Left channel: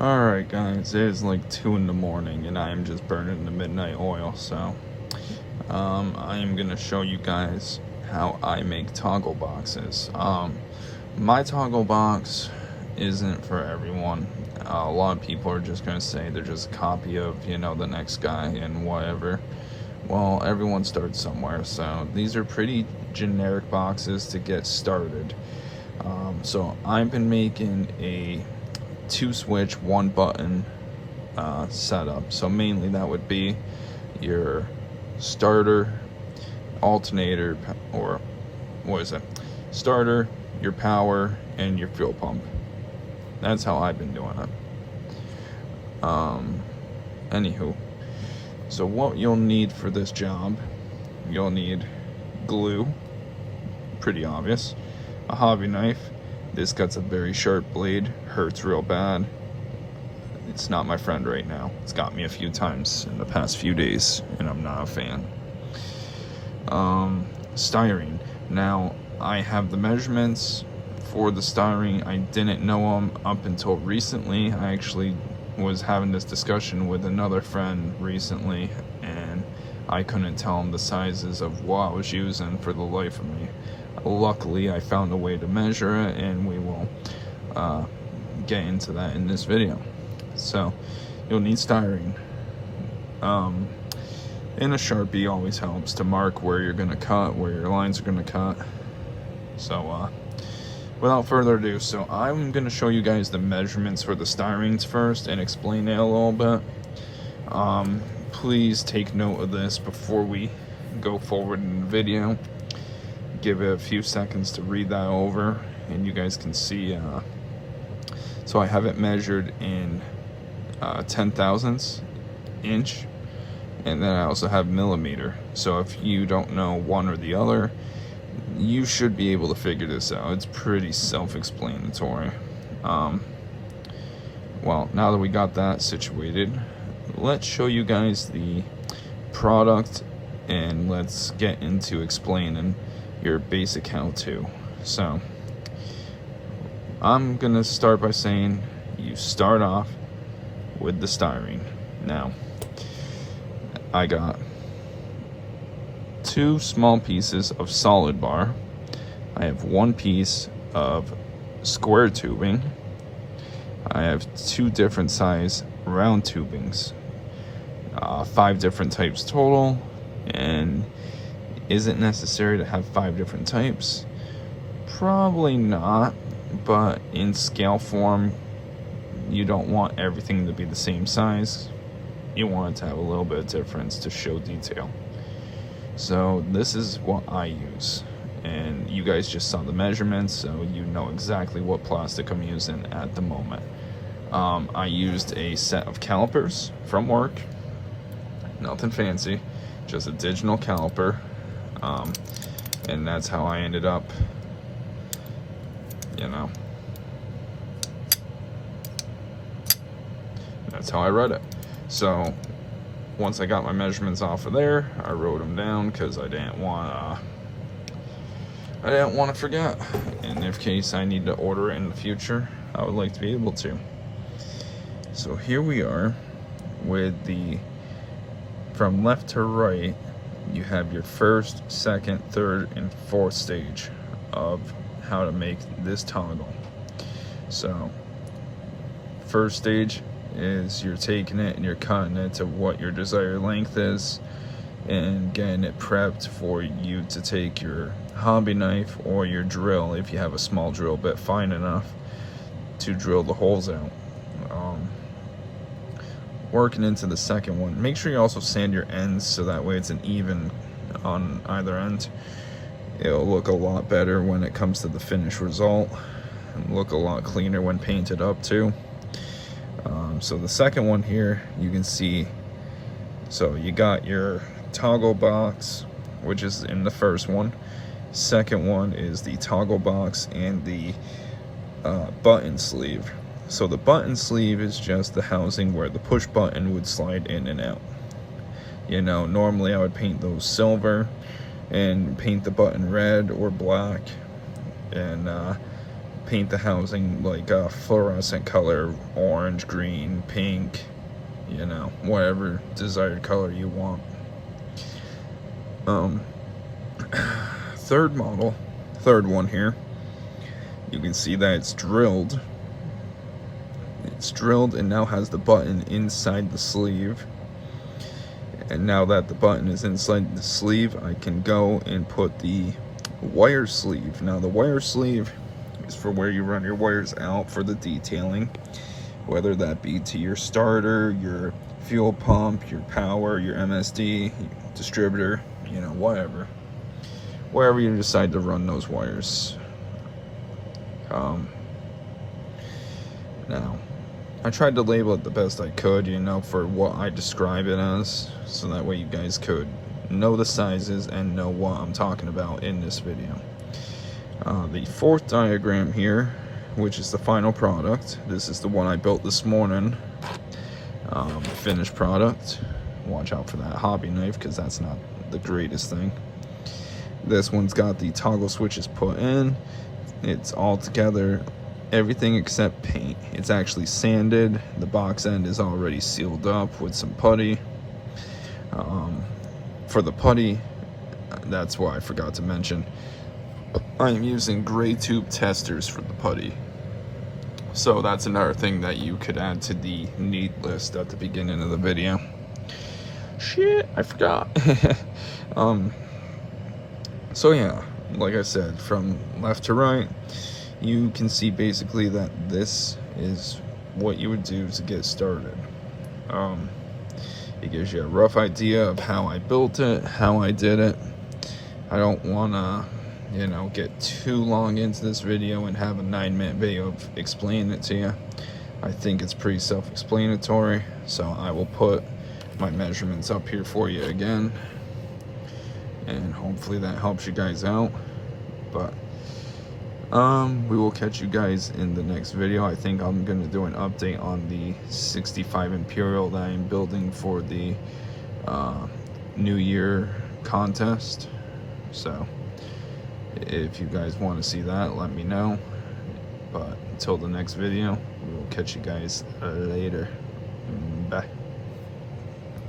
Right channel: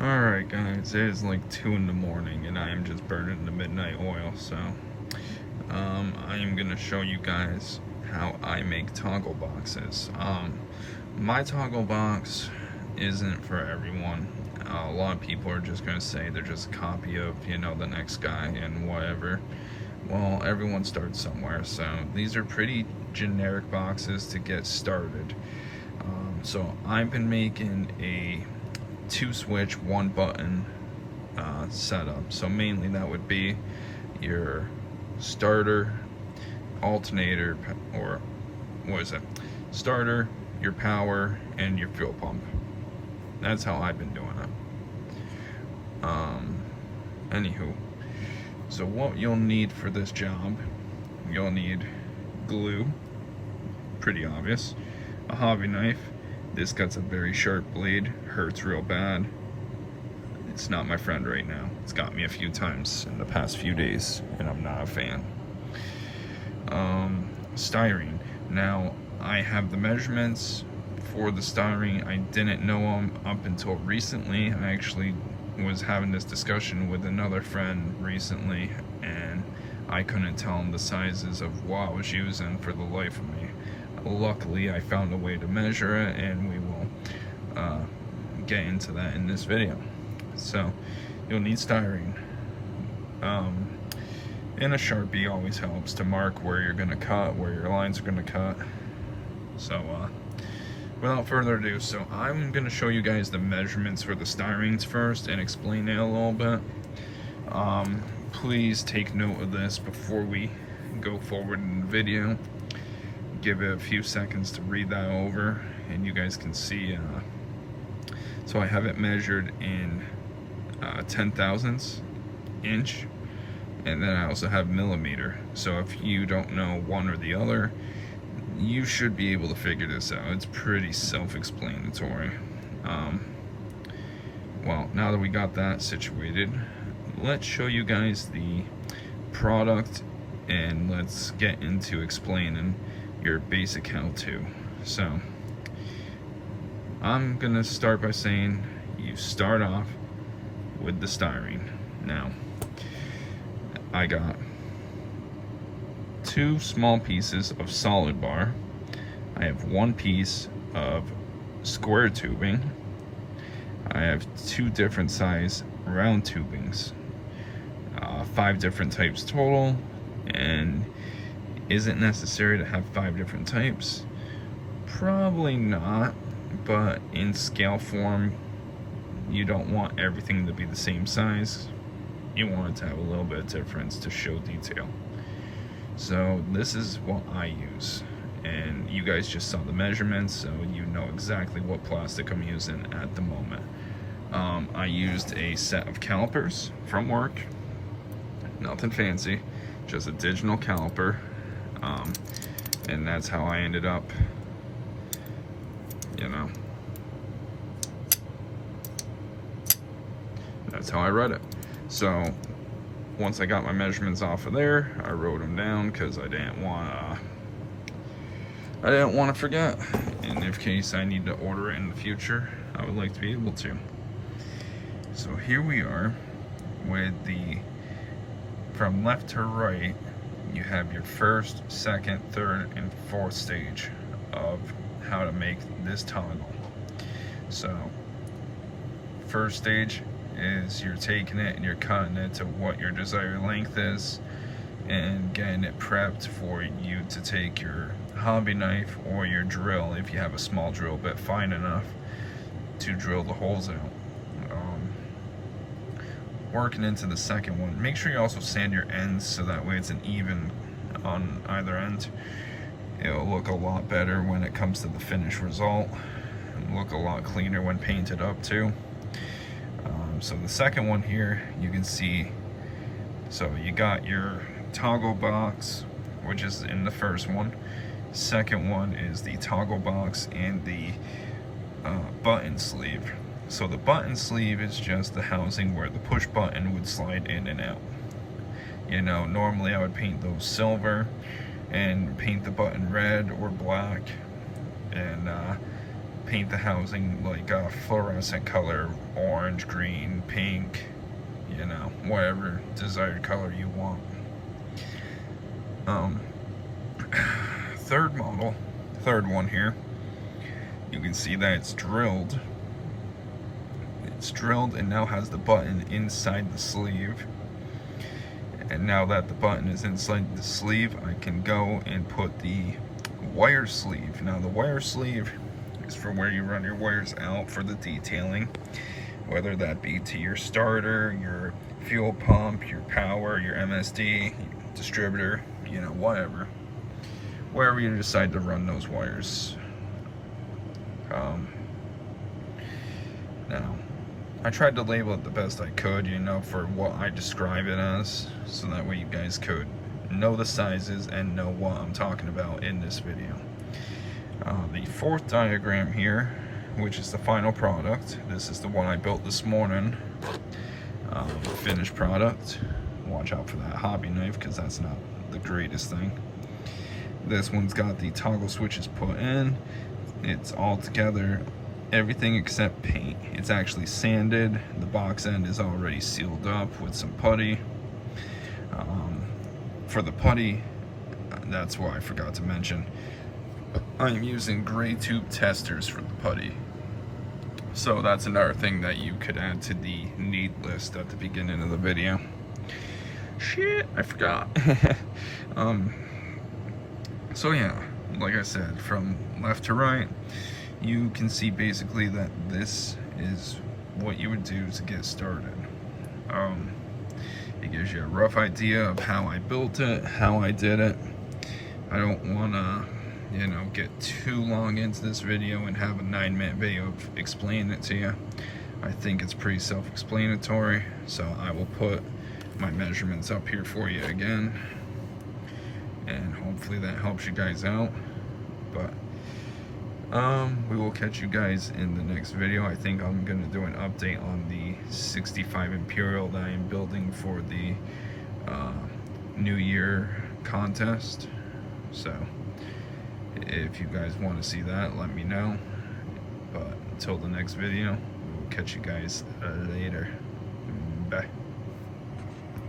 Alright guys, it is like 2 in the morning and I am just burning the midnight oil, so I am gonna show you guys how I make toggle boxes. My toggle box isn't for everyone. A lot of people are just gonna say they're just a copy of, the next guy and whatever. Well, everyone starts somewhere, so these are pretty generic boxes to get started. So I've been making a 2-switch 1-button setup. So mainly that would be your starter, alternator, or what is it? Starter, your power, and your fuel pump. That's how I've been doing it. Anywho, so what you'll need for this job, you'll need glue, pretty obvious, a hobby knife. This gut's a very sharp blade, hurts real bad. It's not my friend right now. It's got me a few times in the past few days, and I'm not a fan. Styrene. Now, I have the measurements for the styrene. I didn't know them up until recently. I actually was having this discussion with another friend recently, and I couldn't tell him the sizes of what I was using for the life of me. Luckily, I found a way to measure it, and we will get into that in this video. So, you'll need styrene. And a Sharpie always helps to mark where you're going to cut, where your lines are going to cut. So, without further ado, so I'm going to show you guys the measurements for the styrenes first and explain it a little bit. Please take note of this before we go forward in the video. Give it a few seconds to read that over, and you guys can see. So I have it measured in 10,000ths inch, and then I also have millimeter. So if you don't know one or the other, you should be able to figure this out. It's pretty self-explanatory. Well, now that we got that situated, let's show you guys the product, and let's get into explaining your basic how-to. So I'm gonna start by saying you start off with the styrene. Now I got 2 small pieces of solid bar. I have 1 piece of square tubing. I have 2 different size round tubings, 5 different types total. And is it necessary to have 5 different types? Probably not, but in scale form, you don't want everything to be the same size. You want it to have a little bit of difference to show detail. So this is what I use, and you guys just saw the measurements, so you know exactly what plastic I'm using at the moment. I used a set of calipers from work, nothing fancy, just a digital caliper. And that's how I ended up, that's how I read it. So once I got my measurements off of there, I wrote them down because I didn't want to forget. And in case I need to order it in the future, I would like to be able to. So here we are with from left to right. You have your first, second, third, and fourth stage of how to make this toggle. So, first stage is you're taking it and you're cutting it to what your desired length is and getting it prepped for you to take your hobby knife or your drill, if you have a small drill bit fine enough, to drill the holes out. Working into the second one, make sure you also sand your ends so that way it's an even on either end. It'll look a lot better when it comes to the finished result. It'll look a lot cleaner when painted up too. So the second one here, you can see, so you got your toggle box, which is in the first one. Second one is the toggle box and the button sleeve. So the button sleeve is just the housing where the push button would slide in and out. Normally I would paint those silver and paint the button red or black and paint the housing like a fluorescent color, orange, green, pink, you know, whatever desired color you want. Third one here, you can see that it's drilled. It's drilled and now has the button inside the sleeve. And now that the button is inside the sleeve, I can go and put the wire sleeve. Now the wire sleeve is for where you run your wires out for the detailing, whether that be to your starter, your fuel pump, your power, your MSD, distributor, you know, whatever. Wherever you decide to run those wires. Now, I tried to label it the best I could, you know, for what I describe it as, so that way you guys could know the sizes and know what I'm talking about in this video. The fourth diagram here, which is the final product, this is the one I built this morning, finished product. Watch out for that hobby knife, because that's not the greatest thing. This one's got the toggle switches put in. It's all together, everything except paint. It's actually sanded. The box end is already sealed up with some putty. For the putty, that's what I forgot to mention, I'm using gray tube testers for the putty. So that's another thing that you could add to the need list at the beginning of the video. Shit, I forgot. So yeah, like I said, from left to right, you can see basically that this is what you would do to get started. It gives you a rough idea of how I built it, how I did it. I don't want to, you know, get too long into this video and have a 9-minute video of explaining it to you. I think it's pretty self-explanatory, so I will put my measurements up here for you again, and hopefully that helps you guys out. But we will catch you guys in the next video. I think I'm going to do an update on the 65 Imperial that I am building for the New Year contest. So if you guys want to see that, let me know. But until the next video, we will catch you guys later. Bye.